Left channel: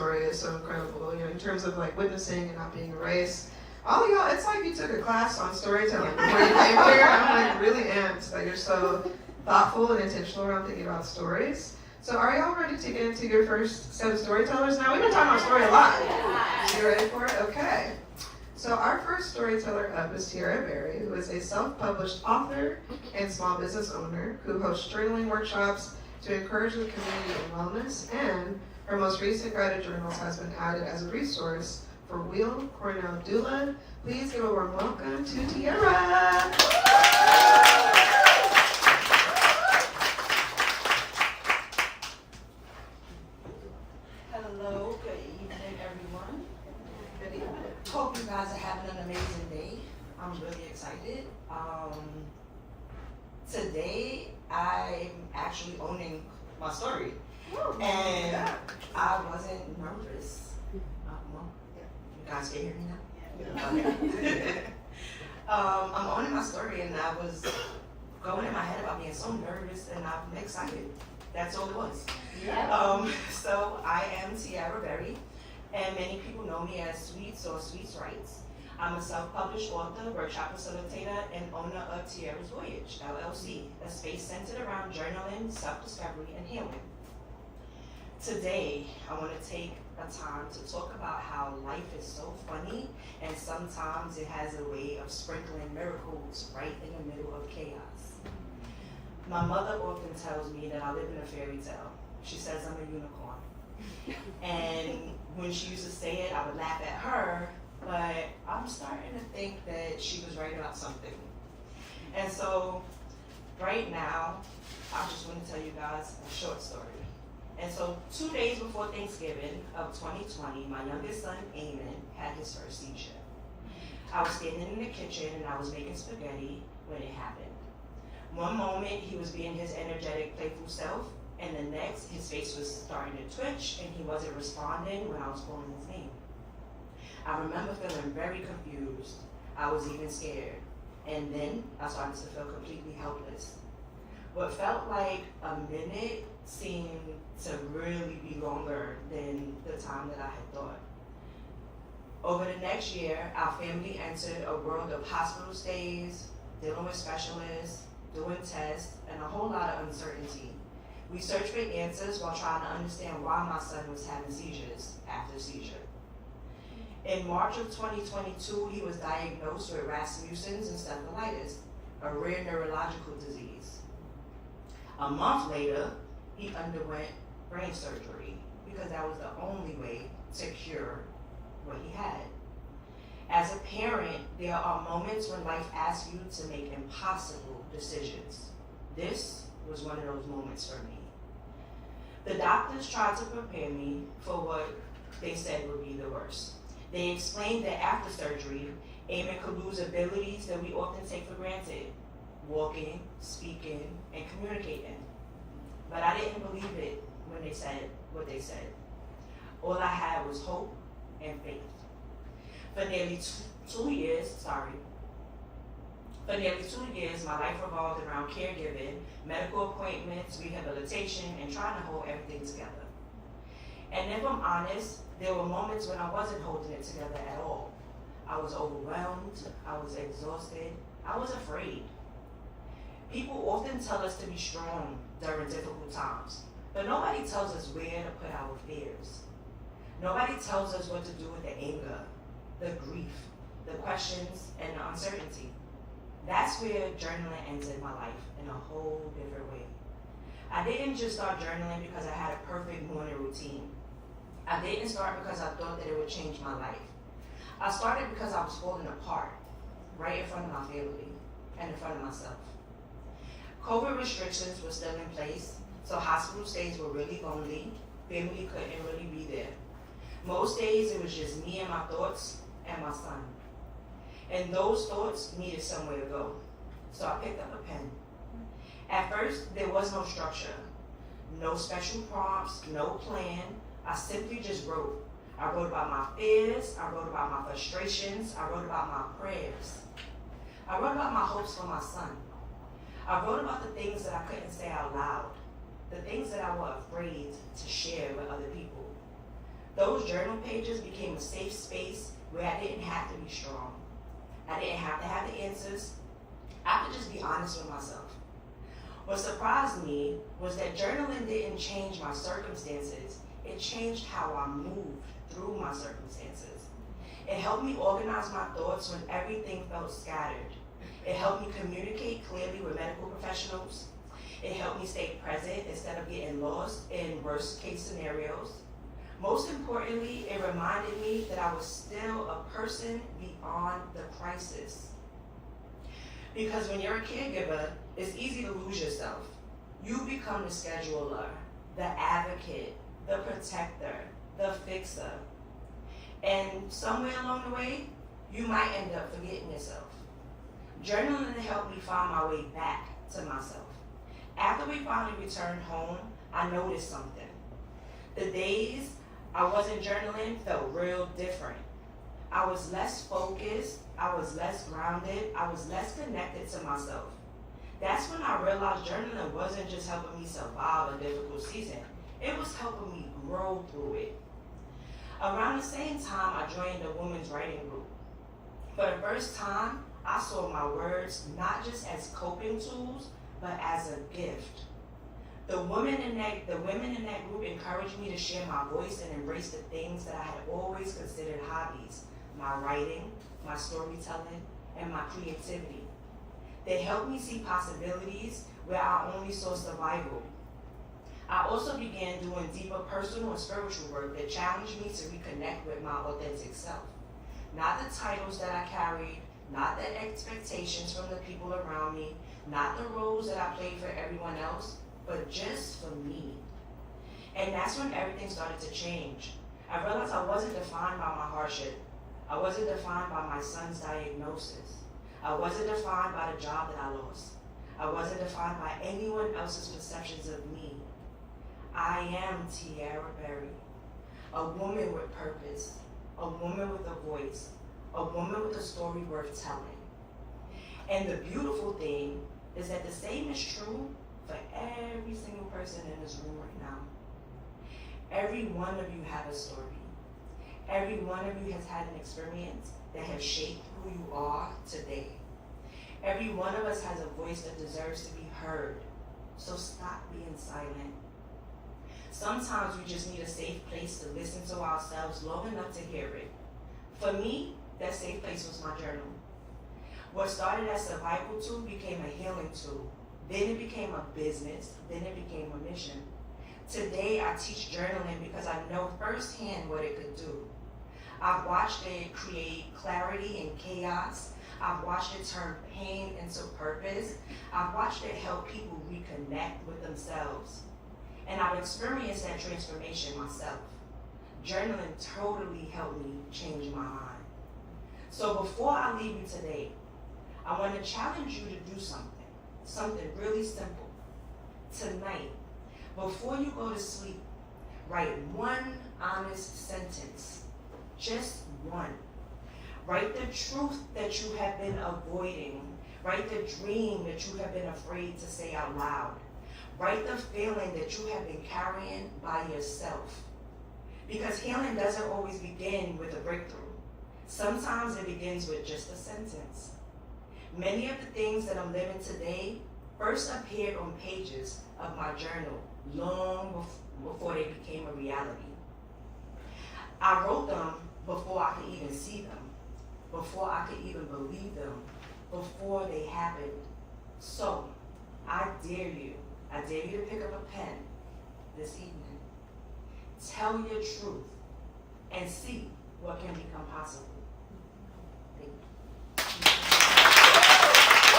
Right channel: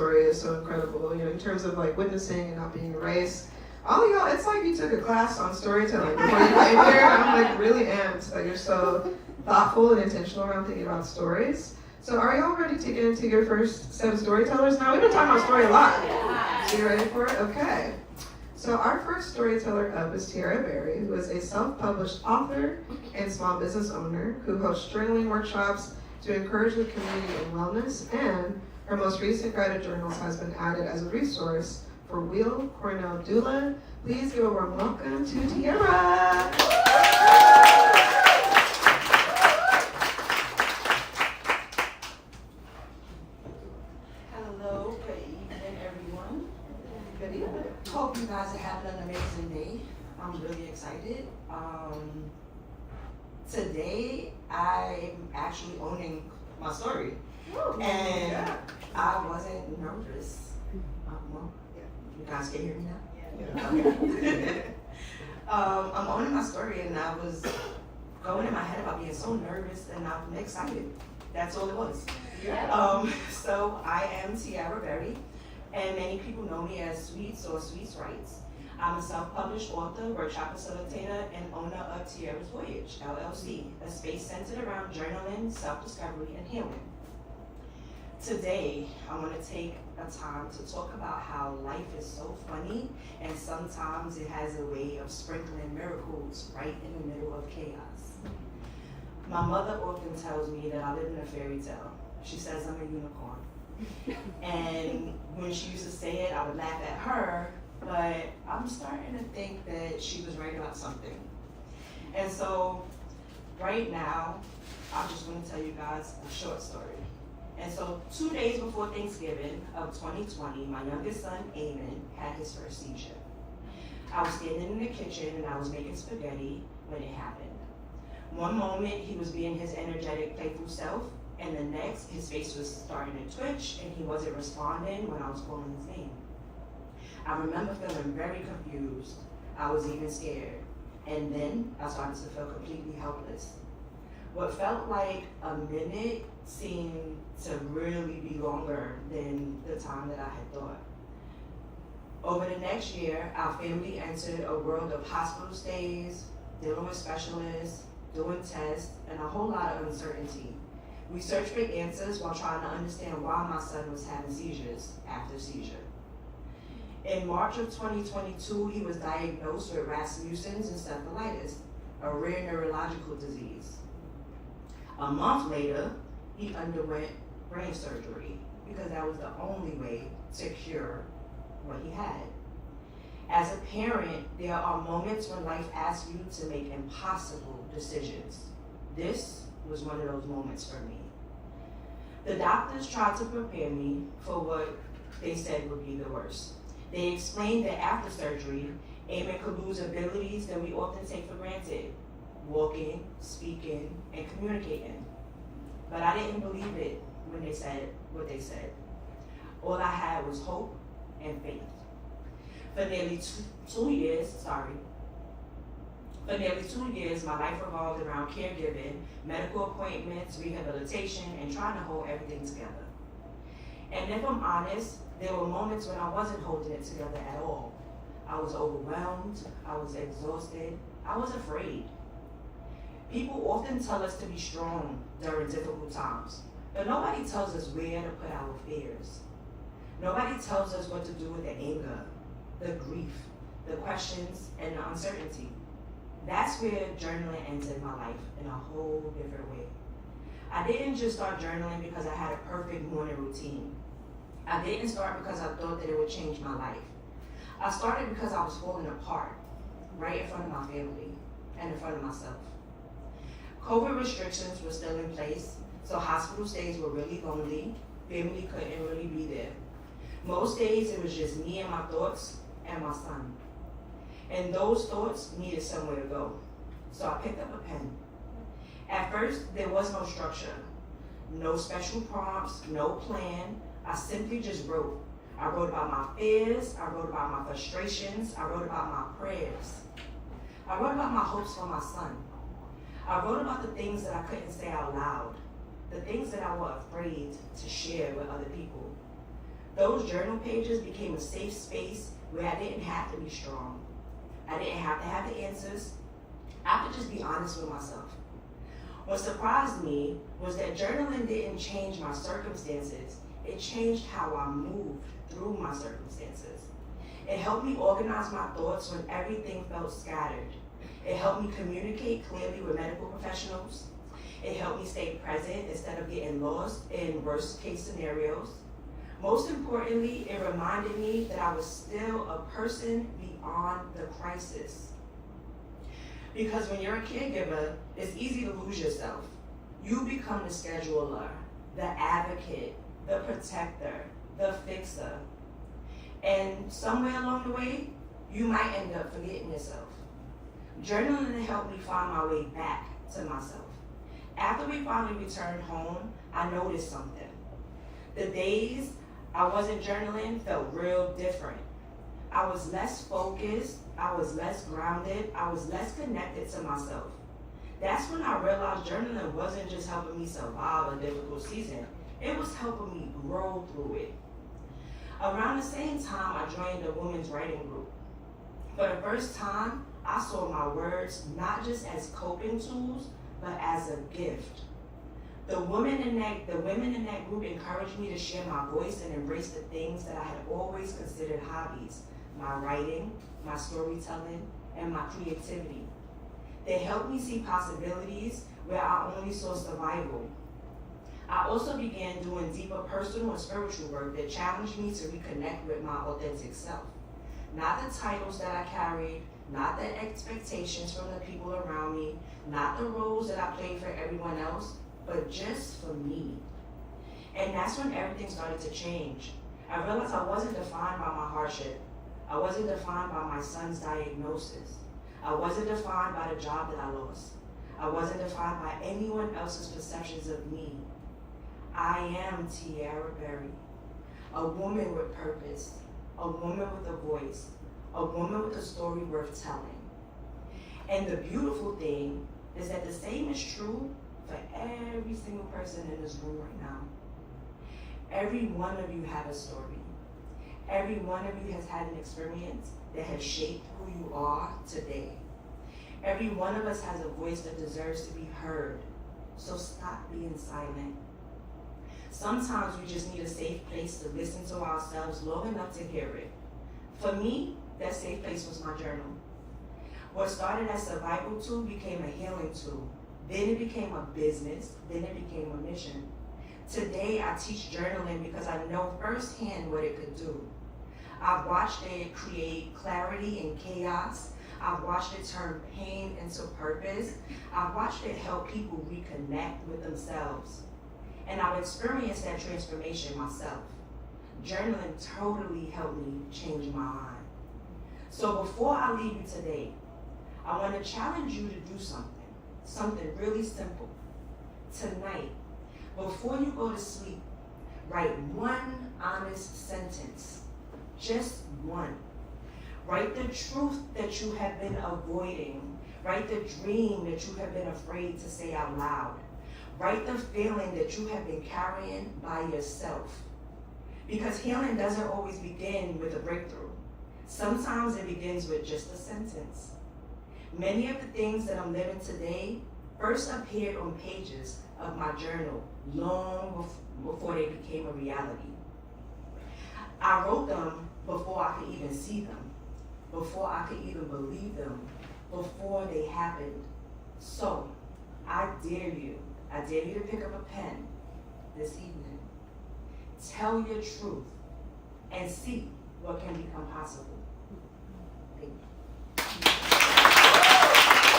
story is so incredible, in terms of like witnessing and not being erased. All of y'all, it's like you took a class on storytelling before you came here. I'm like really amped that you're so thoughtful and intentional around thinking about stories. So are y'all ready to get into your first set of storytellers? Now, we've been talking about story a lot. Are you ready for it? Okay. So our first storyteller up is Tiara Berry, who is a self-published author and small business owner who hosts journaling workshops to encourage the community in wellness, and her most recent guided journals has been added as a resource for Wheel Cornell Doula. Please give a warm welcome to Tiara. Hello, good evening, everyone. Good evening. Hope you guys are having an amazing day. I'm really excited. Today, I'm actually owning my story. And I wasn't nervous. Well, you guys can hear me now? Yeah. I'm owning my story, and I was going in my head about being so nervous, and I'm excited. That's all it was. So I am Tiara Berry, and many people know me as Sweets or Sweets Writes. I'm a self-published author, workshop facilitator, and owner of Tiara's Voyage, LLC, a space centered around journaling, self-discovery, and healing. Today, I want to take a time to talk about how life is so funny, and sometimes it has a way of sprinkling miracles right in the middle of chaos. My mother often tells me that I live in a fairy tale. She says I'm a unicorn. And when she used to say it, I would laugh at her, but I'm starting to think that she was right about something. And so, right now, I just want to tell you guys a short story. And so 2 days before Thanksgiving of 2020, my youngest son, Eamon, had his first seizure. I was standing in the kitchen and I was making spaghetti when it happened. One moment he was being his energetic, playful self, and the next his face was starting to twitch and he wasn't responding when I was calling his name. I remember feeling very confused. I was even scared. And then I started to feel completely helpless. What felt like a minute seemed to really be longer than the time that I had thought. Over the next year, our family entered a world of hospital stays, dealing with specialists, doing tests, and a whole lot of uncertainty. We searched for answers while trying to understand why my son was having seizures after seizure. In March of 2022, he was diagnosed with Rasmussen's Encephalitis, a rare neurological disease. A month later, he underwent brain surgery because that was the only way to cure what he had. As a parent, there are moments when life asks you to make impossible decisions. This was one of those moments for me. The doctors tried to prepare me for what they said would be the worst. They explained that after surgery, Eamon could lose abilities that we often take for granted: walking, speaking, and communicating. But I didn't believe it when they said what they said. All I had was hope and faith. For nearly 2 years, my life revolved around caregiving, medical appointments, rehabilitation, and trying to hold everything together. And if I'm honest, there were moments when I wasn't holding it together at all. I was overwhelmed, I was exhausted, I was afraid. People often tell us to be strong during difficult times, but nobody tells us where to put our fears. Nobody tells us what to do with the anger, the grief, the questions, and the uncertainty. That's where journaling entered my life in a whole different way. I didn't just start journaling because I had a perfect morning routine. I didn't start because I thought that it would change my life. I started because I was falling apart, right in front of my family and in front of myself. COVID restrictions were still in place, so hospital stays were really lonely. Family couldn't really be there. Most days it was just me and my thoughts and my son. And those thoughts needed somewhere to go. So I picked up a pen. At first, there was no structure, no special prompts, no plan. I simply just wrote. I wrote about my fears, I wrote about my frustrations, I wrote about my prayers. I wrote about my hopes for my son. I wrote about the things that I couldn't say out loud, the things that I was afraid to share with other people. Those journal pages became a safe space where I didn't have to be strong. I didn't have to have the answers. I could just be honest with myself. What surprised me was that journaling didn't change my circumstances. It changed how I moved through my circumstances. It helped me organize my thoughts when everything felt scattered. It helped me communicate clearly with medical professionals. It helped me stay present instead of getting lost in worst case scenarios. Most importantly, it reminded me that I was still a person beyond the crisis. Because when you're a caregiver, it's easy to lose yourself. You become the scheduler, the advocate, the protector, the fixer. And somewhere along the way, you might end up forgetting yourself. Journaling helped me find my way back to myself. After we finally returned home, I noticed something. The days I wasn't journaling felt real different. I was less focused, I was less grounded, I was less connected to myself. That's when I realized journaling wasn't just helping me survive a difficult season, it was helping me grow through it. Around the same time, I joined a women's writing group. For the first time, I saw my words not just as coping tools, but as a gift. The women in that group encouraged me to share my voice and embrace the things that I had always considered hobbies: my writing, my storytelling, and my creativity. They helped me see possibilities where I only saw survival. I also began doing deeper personal and spiritual work that challenged me to reconnect with my authentic self. Not the titles that I carried, not the expectations from the people around me, not the roles that I played for everyone else, but just for me. And that's when everything started to change. I realized I wasn't defined by my hardship. I wasn't defined by my son's diagnosis. I wasn't defined by the job that I lost. I wasn't defined by anyone else's perceptions of me. I am Tiara Berry, a woman with purpose, a woman with a voice, a woman with a story worth telling. And the beautiful thing is that the same is true for every single person in this room right now. Every one of you have a story. Every one of you has had an experience that has shaped who you are today. Every one of us has a voice that deserves to be heard. So stop being silent. Sometimes we just need a safe place to listen to ourselves long enough to hear it. For me, that safe place was my journal. What started as a survival tool became a healing tool. Then it became a business. Then it became a mission. Today, I teach journaling because I know firsthand what it could do. I've watched it create clarity in chaos. I've watched it turn pain into purpose. I've watched it help people reconnect with themselves. And I've experienced that transformation myself. Journaling totally helped me change my mind. So before I leave you today, I want to challenge you to do something really simple. Tonight, before you go to sleep, write one honest sentence, just one. Write the truth that you have been avoiding. Write the dream that you have been afraid to say out loud. Write the feeling that you have been carrying by yourself. Because healing doesn't always begin with a breakthrough. Sometimes it begins with just a sentence. Many of the things that I'm living today first appeared on pages of my journal long before they became a reality. I wrote them before I could even see them, before I could even believe them, before they happened. So, I dare you to pick up a pen this evening. Tell your truth and see what can become possible. Thank you.